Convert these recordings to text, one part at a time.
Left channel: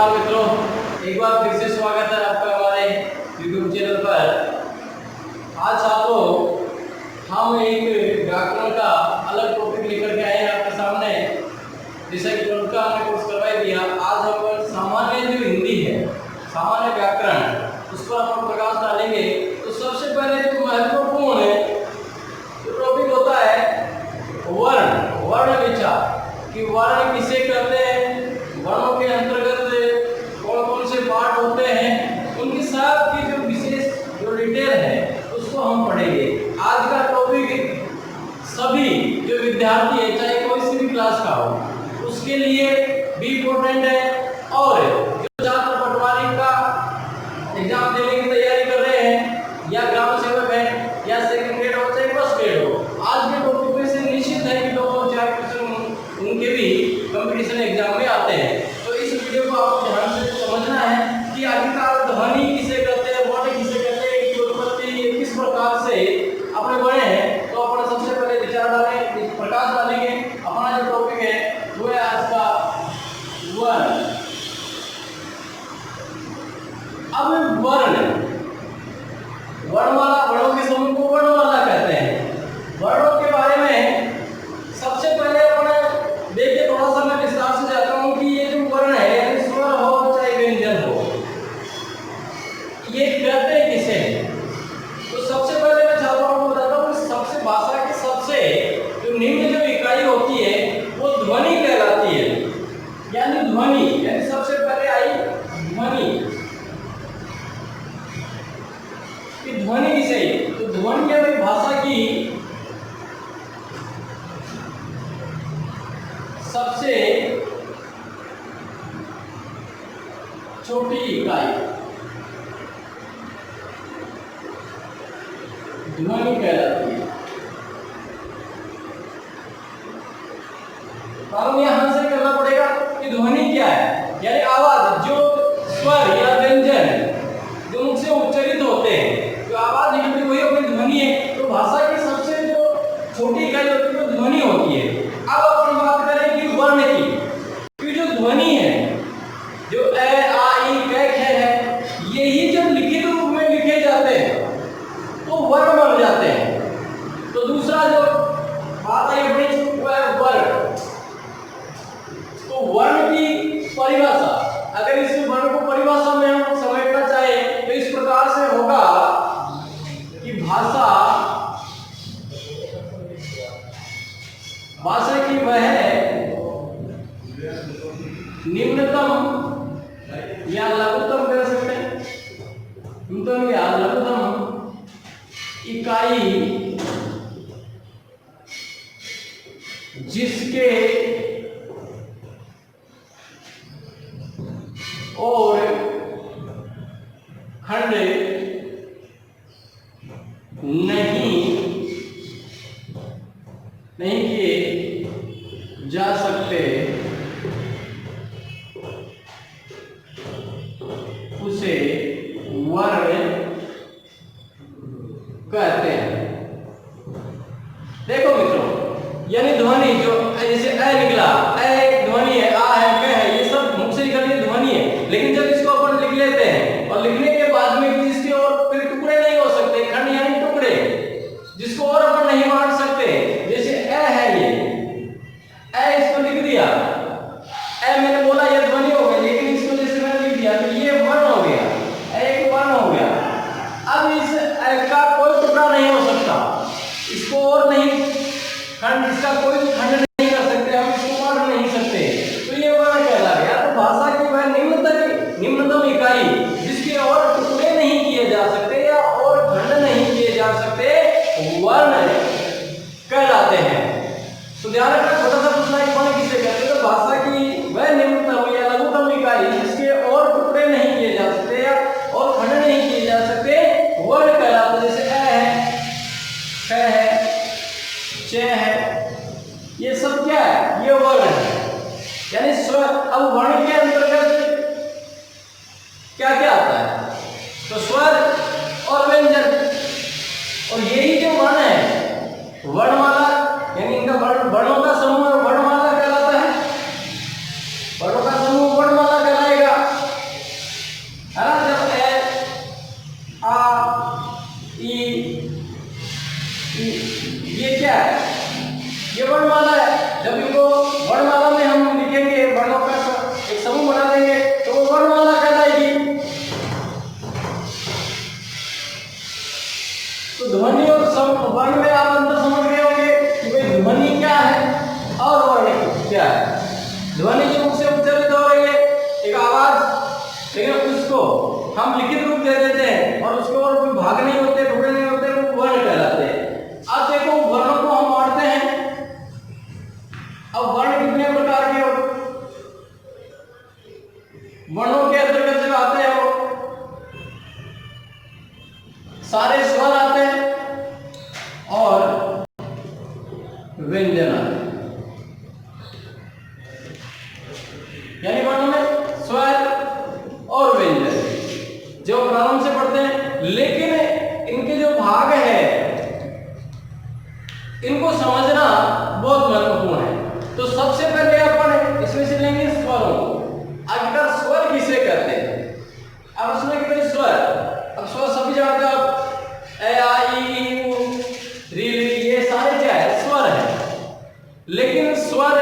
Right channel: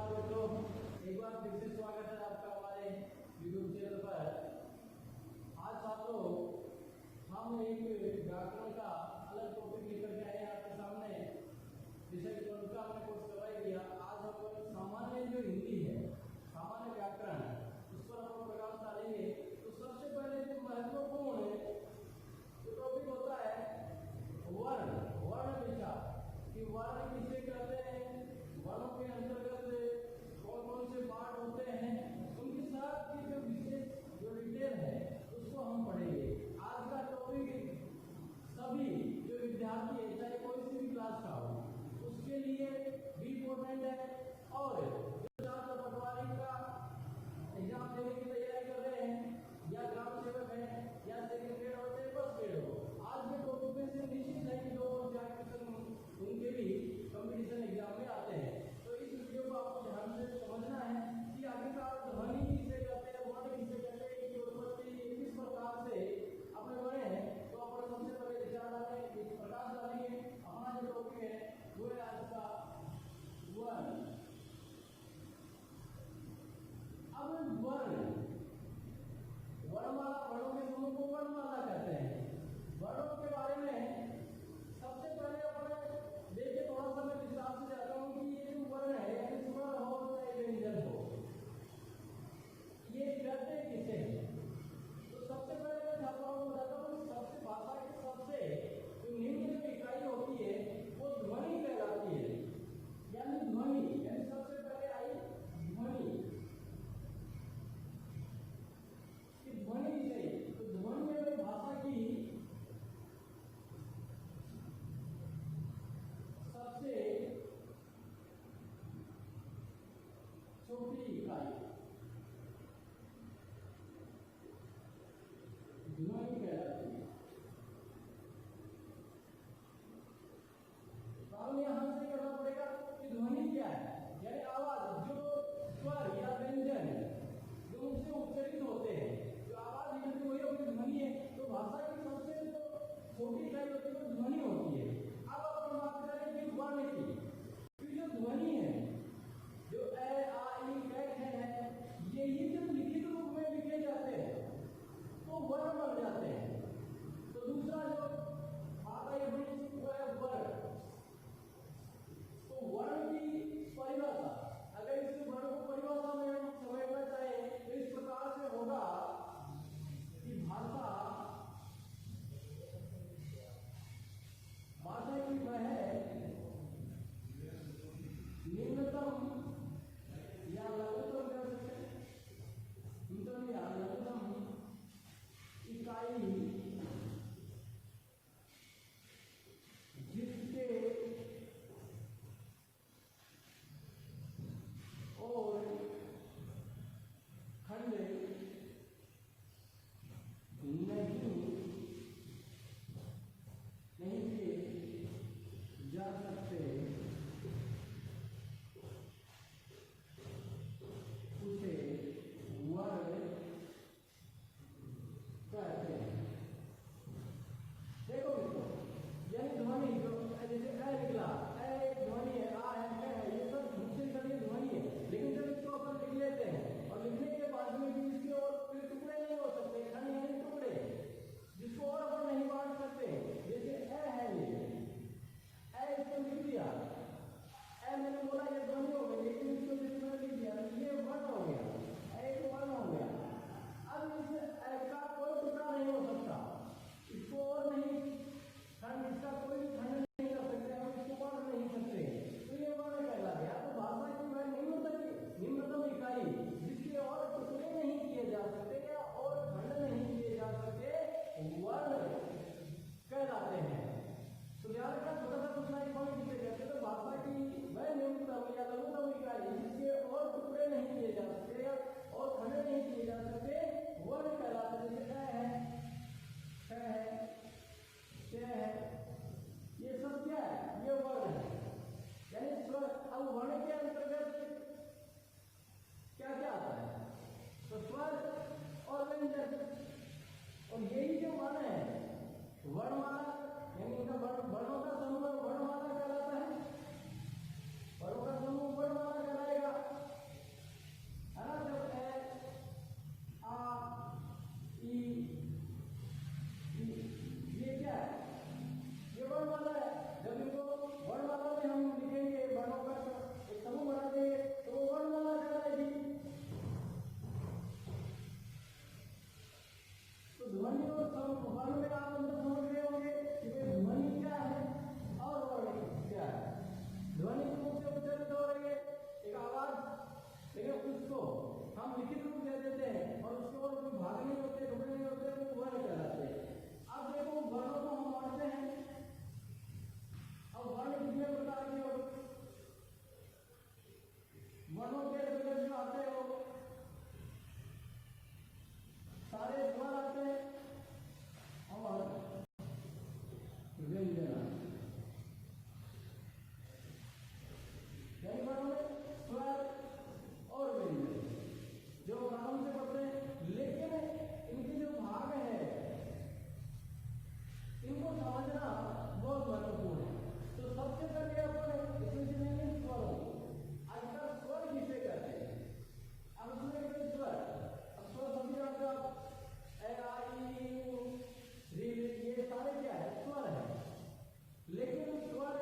नमस्कार मित्रों, एक बार फिर से स्वागत है आपका हमारे YouTube चैनल पर। आज छात्रों हम एक व्याकरण का अलग टॉपिक लेकर के आए हैं आपके सामने। जैसा कि कल का हमने कोर्स करवा दिया, आज हम सामान्य जो हिंदी है, सामान्य व्याकरण, उस पर हम प्रकाश डालेंगे। तो सबसे पहले जो महत्वपूर्ण जो टॉपिक होता है वर्ण, वर्ण विचार कि वर्ण किसे कहते हैं, वर्णों के अंतर्गत कौन कौन से पार्ट होते हैं, उनकी सब की जो विशेष जो डिटेल है उसको हम पढ़ेंगे। आज का टॉपिक सभी जो विद्यार्थी है, चाहे कोई सी भी क्लास का हो, उसके लिए भी इम्पोर्टेंट है। और जो छात्र पटवारी का एग्जाम देने की तैयारी कर रहे हैं, या ग्राम सेवक है, या सेकंड ग्रेड हो चाहे फर्स्ट ग्रेड हो, आज के टॉपिक में से निश्चित है कि 2-4 क्वेश्चन उनके भी कंपटीशन एग्जाम में आते हैं। तो इस वीडियो को आपको ध्यान से समझना है कि आखिरकार ध्वनि किसे कहते हैं, वर्ण किसे कहते हैं, इसकी उत्पत्ति किस प्रकार से अपने बने हैं। तो अपन सबसे पहले विचार डालें, प्रकाश डालेंगे। अपना जो टॉपिक है वो है आज का वर्ण। अब वर्ण, वर्णमाला, वर्णों के समूह को वर्णमाला कहते हैं। वर्णों के बारे में सबसे पहले अपन देखिए, थोड़ा सा मैं विस्तार से जाता हूँ कि ये जो वर्ण है, यानी स्वर हो चाहे व्यंजन हो, ये कहते किसे हैं। तो सबसे पहले मैं छात्रों को बताता हूँ कि सबसे भाषा की सबसे जो निम्न जो इकाई होती है वो ध्वनि कहलाती है। यानी ध्वनि, यानी सबसे पहले आई ध्वनि। कि ध्वनि किसे है? तो ध्वनि है भाषा की सबसे छोटी इकाई ध्वनि कहलाती है। मालूम यहां से करना पड़ेगा कि ध्वनि क्या है, यानी आवाज, जो स्वर या व्यंजन जो मुख से उच्चारित होते हैं, जो आवाज निकलती वही अपनी ध्वनि है। तो भाषा की सबसे जो छोटी इकाई होती है वो ध्वनि होती है। अब अपन बात करें कि वर्ण की जो ध्वनि है, जो ए आ ई कै ख है, यही जब लिखित रूप में लिखे जाते हैं तो वर्ण बन जाते हैं। तो दूसरा जो बात आई अपनी वो है वर्ण। तो वर्ण की परिभाषा, अगर इस वर्ण को परिभाषा में हम समझना चाहे तो इस प्रकार से होगा कि भाषा की वह निम्नतम या लघुतम कह सकते हैं, निम्नतम या लघुतम इकाई जिसके और खंड नहीं किए जा सकते, उसे वर्ण कहते हैं। देखो मित्रों, यानी ध्वनि जो जैसे ए निकला, ए एक ध्वनि है, आ है, क है, ये सब मुख से निकलती है ध्वनि है। लेकिन जब इसको अपन लिख लेते हैं और लिखने के बाद में इसके और फिर टुकड़े नहीं हो सकते, खंड यानी टुकड़े, जिसको और अपन नहीं बांट सकते। जैसे ए है, ये ए इसको लिख दिया, ए मैंने बोला ये ध्वनि हो गई, लेकिन इसको जैसे मैंने लिख दिया तो ये वर्ण हो गया, एक वर्ण हो गया। अब इस ए का कोई टुकड़ा नहीं हो सकता, इसको और नहीं खंड, इसका कोई खंड नहीं कर सकते, हम इसको पढ़ नहीं सकते, तो ये वर्ण कहला गया। तो भाषा की वह निम्नतम इकाई जिसके और टुकड़े नहीं किए जा सकते या और खंड नहीं किए जा सकते, वर्ण कहलाते हैं। तो ध्यान रखना, छोटा सा पूछना है वर्ण किसे कहते हैं। तो भाषा की वह निम्नतम या लघुतम इकाई जिसके और टुकड़े नहीं किए जा सकते या और खंड नहीं किए जा सकते, वर्ण कहलाते हैं। जैसे ए है, ख है, च है, ये सब क्या है, ये वर्ण है, यानी स्वर। अब वर्ण के अंतर्गत क्या क्या आता है, तो स्वर और व्यंजन, और यही जो वर्ण है वर्णमाला, यानी इनका वर्णों का समूह वर्णमाला कहलाता है। वर्णों का समूह वर्णमाला कहलाएगा। ये वर्णमाला है। जब इनको वर्णमाला में हम लिखेंगे, वर्णों का एक समूह बना देंगे तो वो वर्णमाला कहलाएगी। तो ध्वनि और वर्ण में आप अंतर समझ गए होंगे कि भाई ध्वनि क्या है और वर्ण क्या है। ध्वनि जो मुख से उच्चारित हो रही है एक आवाज, लेकिन उसको हम लिखित रूप दे देते हैं और उसके और कोई भाग नहीं होते, टुकड़े नहीं होते, वो वर्ण कहलाते हैं। अब देखो वर्णों को हम बांटते हैं। अब वर्ण कितने प्रकार के हो, वर्णों के अंतर्गत जो आते हैं वो सारे स्वर आते हैं और व्यंजन आते हैं। यानी वर्णों में स्वर और व्यंजन जो प्रारंभ से पढ़ते हैं, लेकिन इनके जो भाग है इनको समझना बहुत महत्वपूर्ण है। तो सबसे पहले अपन इसमें से लेंगे स्वरों को। आखिरकार स्वर किसे कहते हैं? अब उसमें कितने स्वर, अब स्वर सभी जानते हो आप, ए आ ई उ री ली, ये सारे क्या है? स्वर है। लेकिन स्वर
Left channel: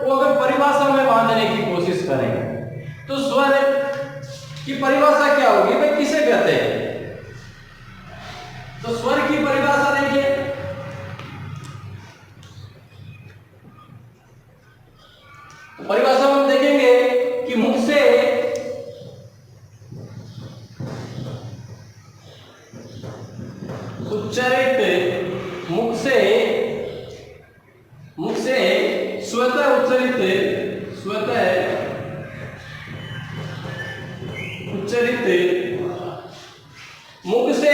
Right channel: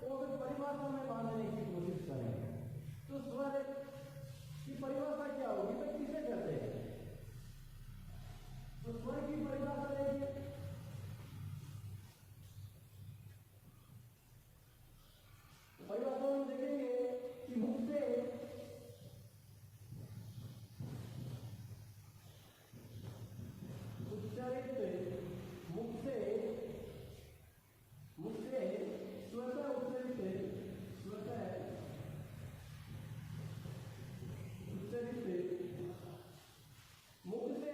को अगर परिभाषा में बांधने की कोशिश करें तो स्वर की परिभाषा क्या होगी भाई, किसे कहते हैं? तो स्वर की परिभाषा देखिए, परिभाषा में देखेंगे कि मुख से उच्चारित, मुख से स्वतः उच्चारित मुख से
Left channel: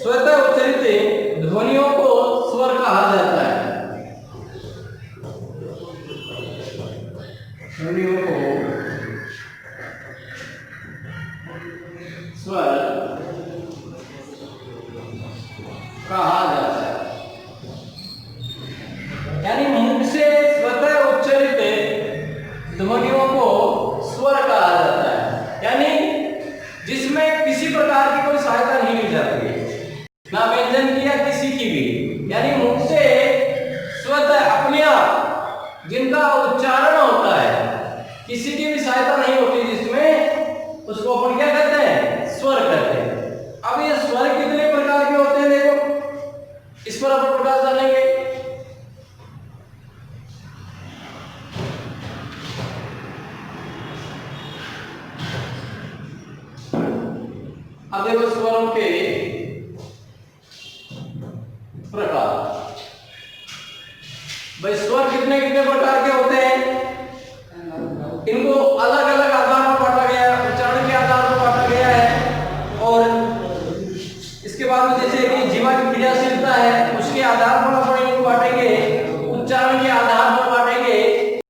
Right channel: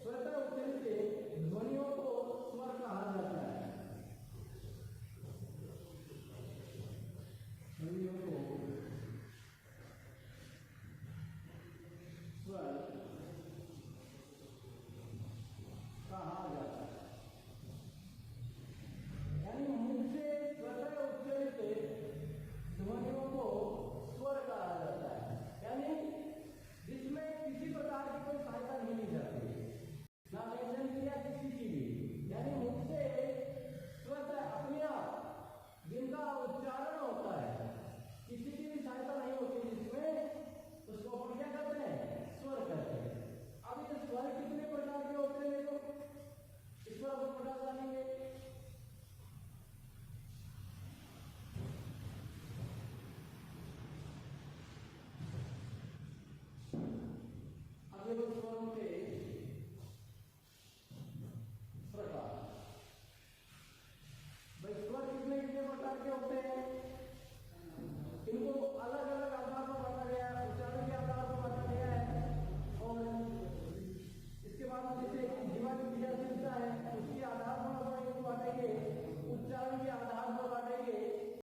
स्वतः उच्चारित ध्वनियों को स्वर कहा जाता है। ध्वनियों को स्वर कहा जाता है। यानी मुख से स्वतः उच्चारित ध्वनियों को स्वर कहा जाता है, यानी जिसमें किसी प्रकार की कोई सहायता नहीं ली जाती है, ना व्यंजन की या किसी की भी। यानी मुख से स्वतः अपने आप जिनका उच्चारण होता है, किसी की भी सहायता नहीं होती, जिसमें उसको अपन क्या कहते हैं? स्वर कहते हैं। अब ये स्वर कितने प्रकार के होते हैं देखो, इस पर अपन प्रकाश डालेंगे। अब देखो स्वरों के प्रकार, भाई स्वर कितने कितने प्रकार के होते हैं, इनको अलग अलग आधार पर बांटा गया है, उच्चारण के आधार पर बांटा गया है। और इसके बाद में जैसे कि जीवा की क्रियाशीलता है उसके आधार पर अपन इनको बांटेंगे, उच्चारण के आधार पर बांटेंगे,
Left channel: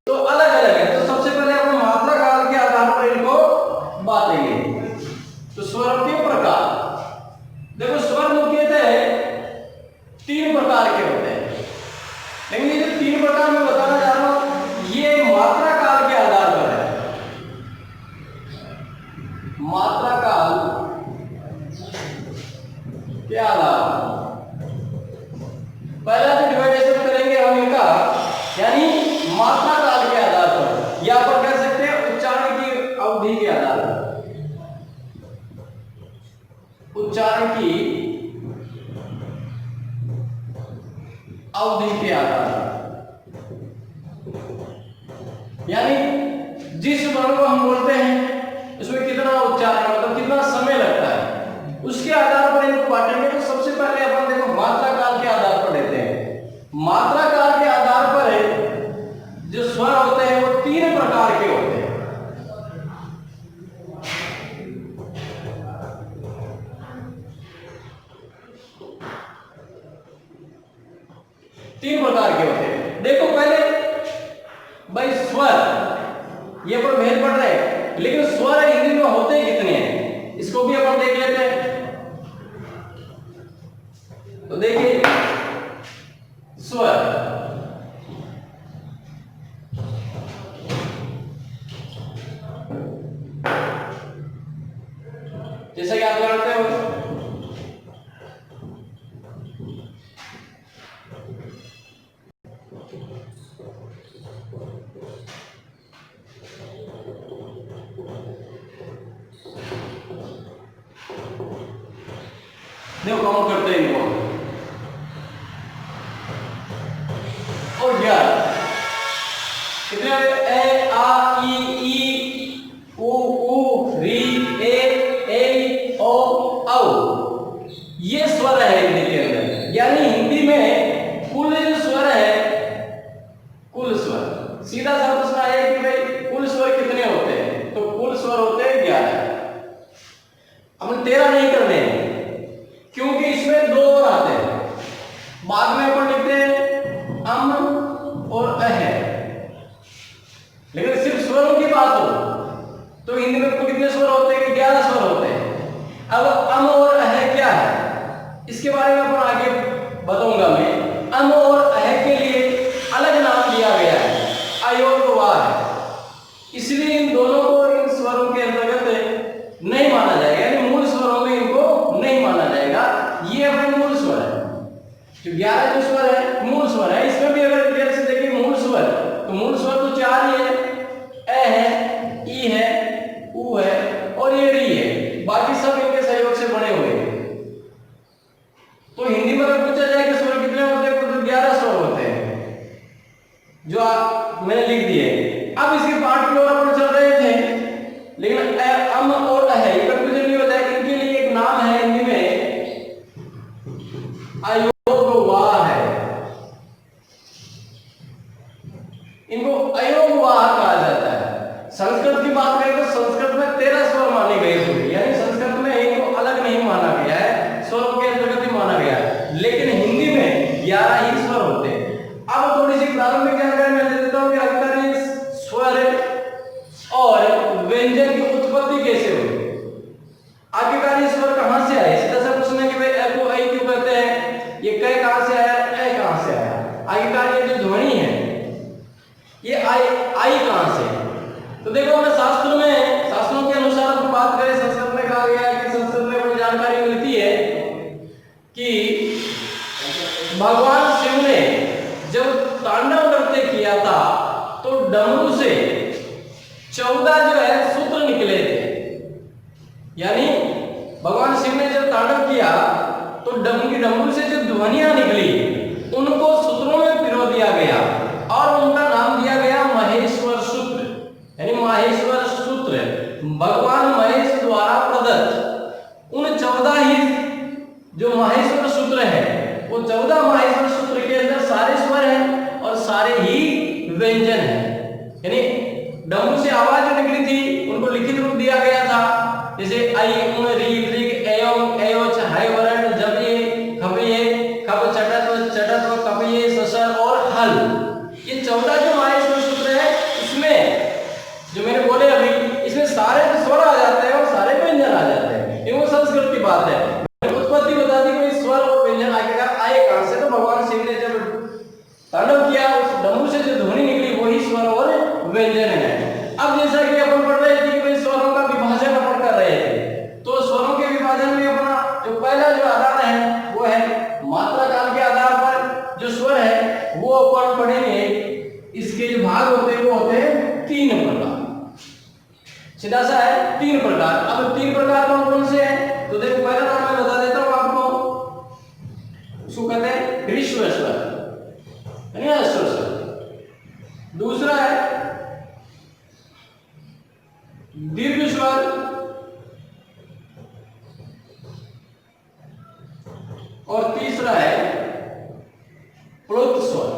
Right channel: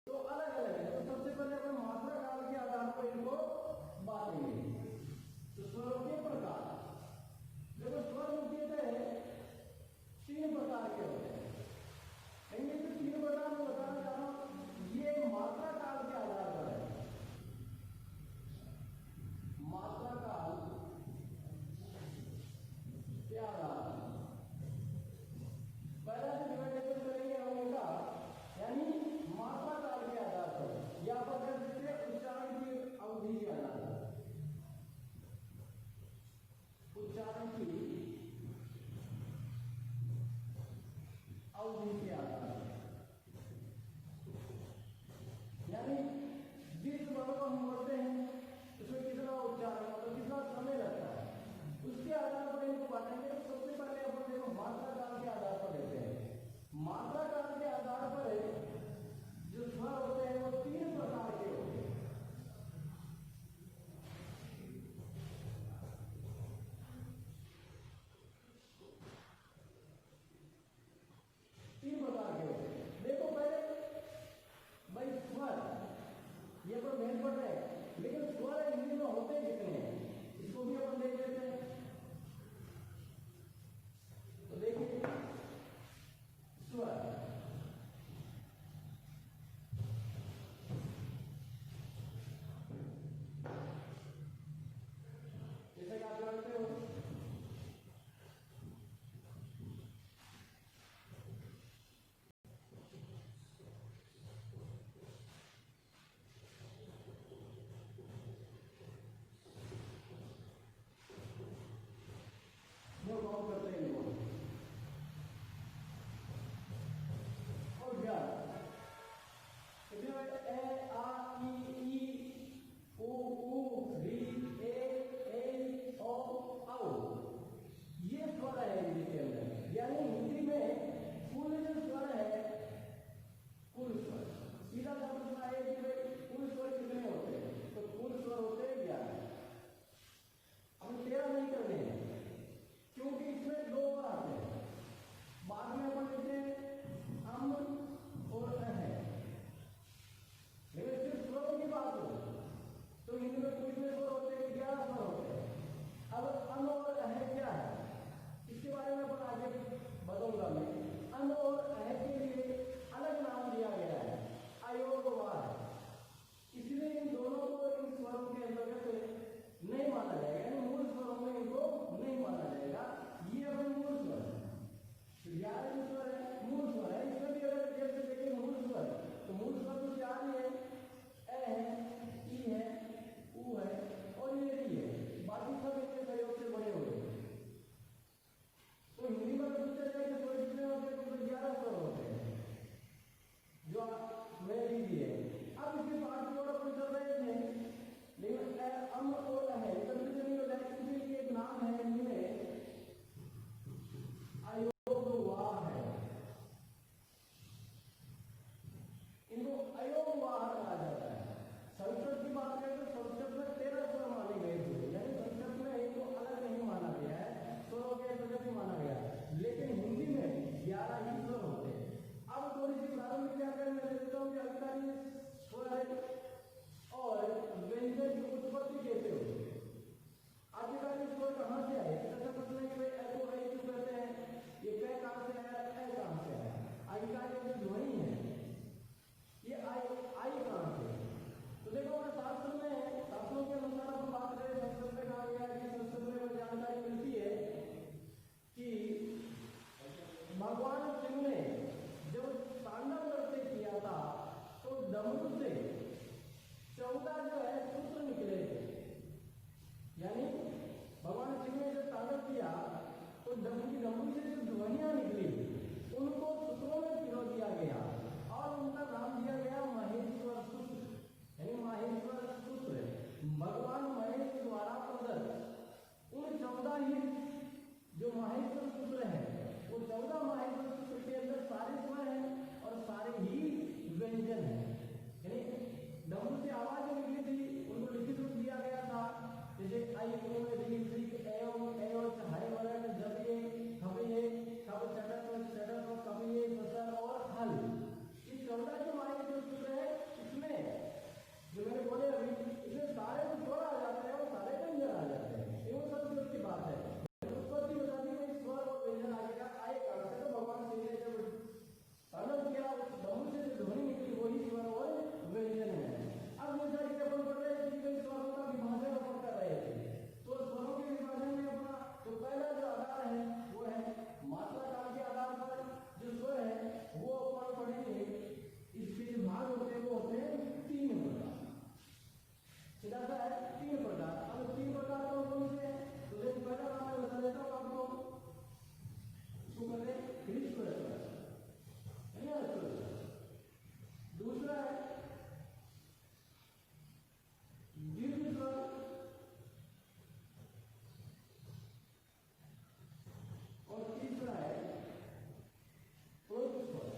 तो अलग अलग है। तो सबसे पहले अपन मात्रा काल के आधार पर इनको बांटेंगे। तो स्वरों के प्रकार देखो, स्वर मुख्यतः 3 प्रकार के होते हैं, लेकिन ये जो 3 प्रकार मैं बताना चाह रहा हूं ये मात्रा काल के आधार पर है। मात्रा काल के आधार पर पहला जो डिवाइडेशन करेंगे हम इनका, यानी मात्रा काल के आधार पर, या पर कह सकते हैं उच्चारण की अवधि के आधार पर। उच्चारण की अवधि के आधार पर, यानी जिस वर्ण को हम बोलते हैं उसमें कितना उच्चारण, मतलब कितना समय लगता है, उसके आधार पर इनको बांटेंगे। तो सबसे पहले अपन देखो मात्रा काल के आधार पर लेते हैं। मात्रा काल के आधार पर जो स्वर होते हैं वो 3 प्रकार के होते हैं। देखो पहले भाई स्वर, ये पर भेद पड़ रहे हैं, देखो काउंट करते हैं इनको। और 11 कितने हो गए? ए आ ई उ ऊ री ए ओ औ। ये स्वर है हिंदी के अंदर। यानी हिंदी में कुल जो स्वर है, कुल स्वर, सीधा सा प्रश्न है कि भाई कुल स्वर कितने होते हैं? तो कुल स्वर होते हैं 11। अपन 13 नहीं करने हैं क्योंकि इसमें 2 और आते हैं। बाद में अपन लिखते हैं अम और अह। लेकिन सिर्फ स्वरों की बात हो तो हिंदी में कितने स्वर होते हैं? 11 स्वर होते हैं। अब अम और अह क्या है इसके बारे में अपन आगे बताऊंगा मैं। अम और अह के लिए अलग नाम दिया गया है, अयोगवाह। इसलिए इन दोनों को इन स्वरों के अंतर्गत नहीं माना जाएगा, यानी मूल स्वरों में इनको नहीं माना जाएगा। ये अपने मूल स्वर है। जो 11 जो स्वर है मूल स्वर है। इसमें भी अगर डिटेल से देखिए मूल स्वर, तो मूल स्वर तो 4 ही है। ए है, ई है, उ है और ये री है। बाकी सब इनके सहयोग से बने हुए हैं। तो हिंदी में अगर पूछा जाए कि स्वर कितने होते हैं तो 11 स्वर होते हैं जो मैंने लिख दिए। अब इसके पाठ की ओर अपन चल रहे थे, लेकिन अम और अह कंफ्यूजन नहीं होता है। इनके लिए एक नाम है हिंदी में, अयोगवाह है। इनको अयोगवाह कहा जाता है। संस्कृत की बात करें तो संस्कृत में 13 स्वर माने गए थे, यानी संस्कृत में इनको अलग नहीं माना गया है, स्वरों के अंतर्गत ही माना गया है। लेकिन हिंदी में 11 ही स्वर होते हैं। अब थोड़ी सी प्रारंभिक जानकारी मैं दे देता हूं कि अधिकारी स्वर और व्यंजन की उत्पत्ति कैसे हुई। आखिरकार स्वर कहां से आए? सीधा सा प्रश्न है कि भाई ए को ऐ क्यों कहते हैं, ये क कहां से आया, ए कहां से आया? आखिरकार ये जो ध्वनि है ये आई कहां से है? तो देखो हमें शास्त्रों के अनुसार हम बात करें, संस्कृत में कहा गया है कि संस्कृत में बड़ी जानकारी मिलती है कि भगवान शिव ने जब तांडव नृत्य किया था तो डमरू से 14 जो है सूत्र निकले थे। यानी भगवान शिव ने जब तांडव किया तो डमरू से जो ध्वनियां निकली उनको सूत्रों में पिरो दिया गया और उनका नाम दिया गया महेश्वर सूत्र। यानी माहेश्वर सूत्र भगवान महेश द्वारा प्रदत्त उन 14 ही जो माहेश्वर सूत्र है, वो 14 माहेश्वर सूत्र के अंदर सारे स्वर हैं और सारे ही व्यंजन हैं। यानी डमरू से आवाज जो निकली थी उनको लिखित रूप दिया गया था, जैसे आई उन री ऋग एयम एयोच हाय वरण जब ये खब चटत कब ये ससर और हल। ये 14 जो माहेश्वर सूत्र है इसमें जो मैंने बोले अभी, इसमें सारे स्वर आ जाते हैं और सारे व्यंजन आ जाते हैं। ये वो संस्कृत की बात है। उत्पत्ति बता दी कोई स्वर और व्यंजन आखिरकार आए कहां से? तो भगवान शिव ने जब तांडव किया उस डमरू से जो ध्वनि निकली वही स्वर और व्यंजन है। अब जैसा कि अपन पढ़ रहे थे कि भाई स्वरों का विभाजन अपन कर रहे थे, तो स्वरों के विभाजन में अपना जो पहला जो आधार है वो है मात्रा काल के आधार पर जो स्वर है वो अपन पढ़ेंगे। इसके जो भाग होते हैं वो होते हैं 3 प्रकार। सीधा सा है 3 प्रकार। अब 3 प्रकार कौन कौन से हैं? तो देखो पहला नाम मैं बता देता हूं आपको, उसको कहते हैं ह्रीश्वर स्वर, यानी अश्वर स्वर। दूसरा है दीर्घ स्वर, और तीसरा है प्लुत स्वर।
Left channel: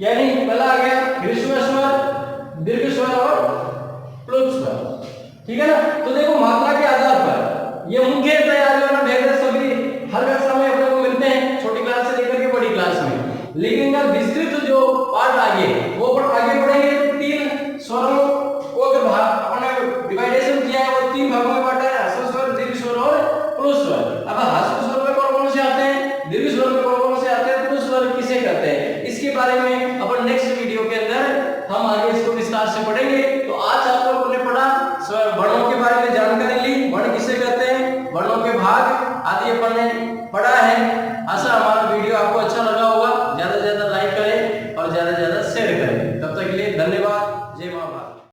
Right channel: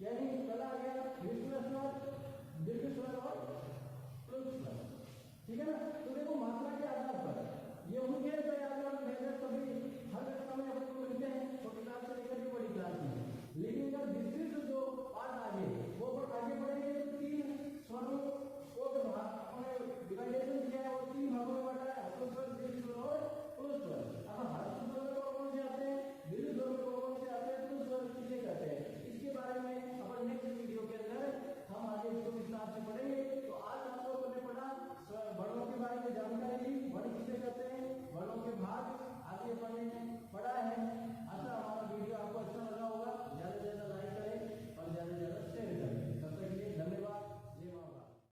यानी पहला आ गया ह्रीश्वर स्वर, दीर्घ स्वर और प्लुत स्वर। ठीक है ना? तो देखो मात्रा के आधार पर ये मुख्यतः जो ना भेद सभी हर कक्षा में अपने को मिलते हैं, छोटी क्लास से लेकर के बड़ी क्लास में। लेकिन इनका विस्तृत जो पार्ट आगे वो आगे बढ़ेंगे तो 3 स्वरों को अगर अपने डिवाइडेशन किया है वो 3 भागों में बांटा है, ह्रस्व स्वर, दीर्घ स्वर और प्लुत स्वर। अब ह्रस्व स्वर में कौन कौन से आते हैं, दीर्घ स्वर में कौन कौन से आते हैं, प्लुत स्वर किसे कहते हैं, इसके बारे में अपन नेक्स्ट वीडियो के अंदर हम आगे इसको विस्तार से पढ़ेंगे। तो आज आप लोगों ने पढ़ा वर्णों के बारे में जानकारी ली, वर्ण किसे कहते हैं, वर्णों के भाग आदि अपन ने पढ़ा है। आशा हमारा वीडियो आपको अच्छा लगा होगा। ज्यादा से ज्यादा लाइक करें और ज्यादा से ज्यादा शेयर करें। तब तक के लिए धन्यवाद। जय मां भारत।